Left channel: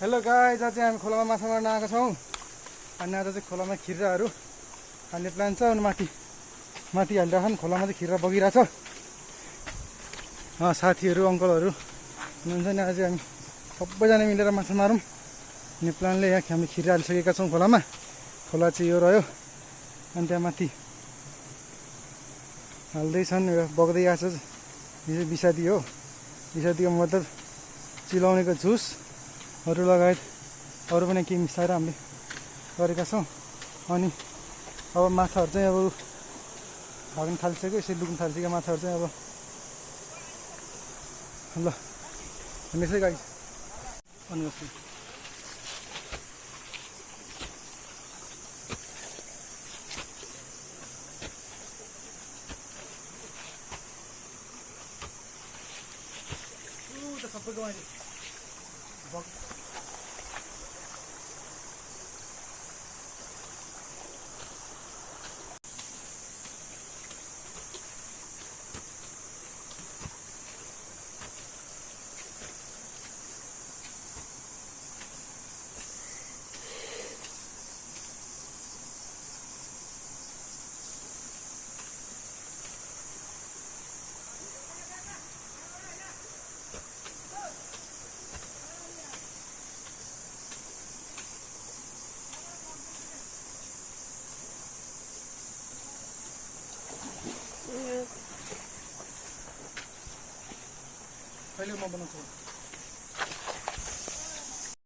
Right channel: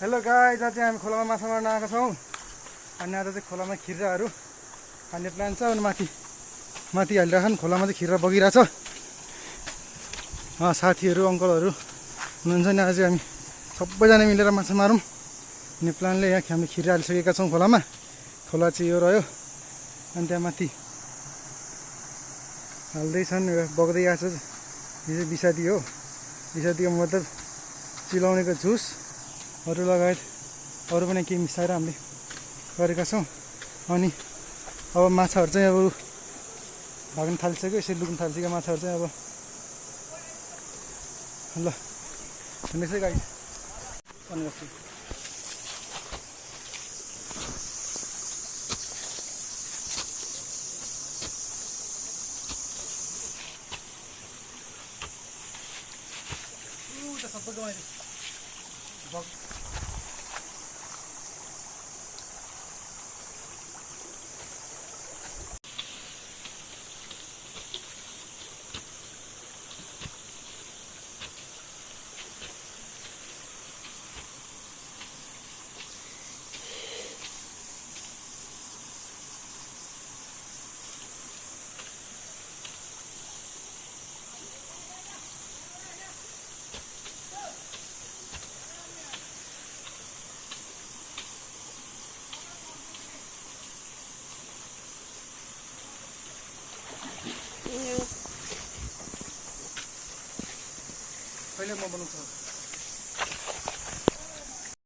Hello guys, आज चाहिँ हामी खोलामा माछा मार्न आएको छौँ। अनि आज चाहिँ खोलामा खिर्राहरू खाने प्लान छ। अनि माथि हालिरहेछन्। खोलामा चाहिँ खिर्रा बगिरहेछ। साथीहरू अङ्कलहरू हुनुहुन्छ नि। आज हामी सबैजना मिलेर माछा मारौँ भन्ने प्लानले यहाँ हामी खिर्रा हालिसकेका छौँ खोलामा। खोला चाहिँ यो रह्यो। अनि त्यहाँ माथि हाल्दैछन्, बग्दै आएको छ। यो चाहिँ विषादी हो। विषादीको मतलब चिलाउनेको जुसहरू लगायत अरू पनि केही मिसाएर हामीले गरेका छौँ। अनि अब माछाहरू चाहिँ अब भाग्न थालिसक्यो, यसरी लुक्न थालिसक्यो माछाहरू चाहिँ। अब ल हेर्नुहोस् है गाइस। सबैको कहिले म बनाउँछु।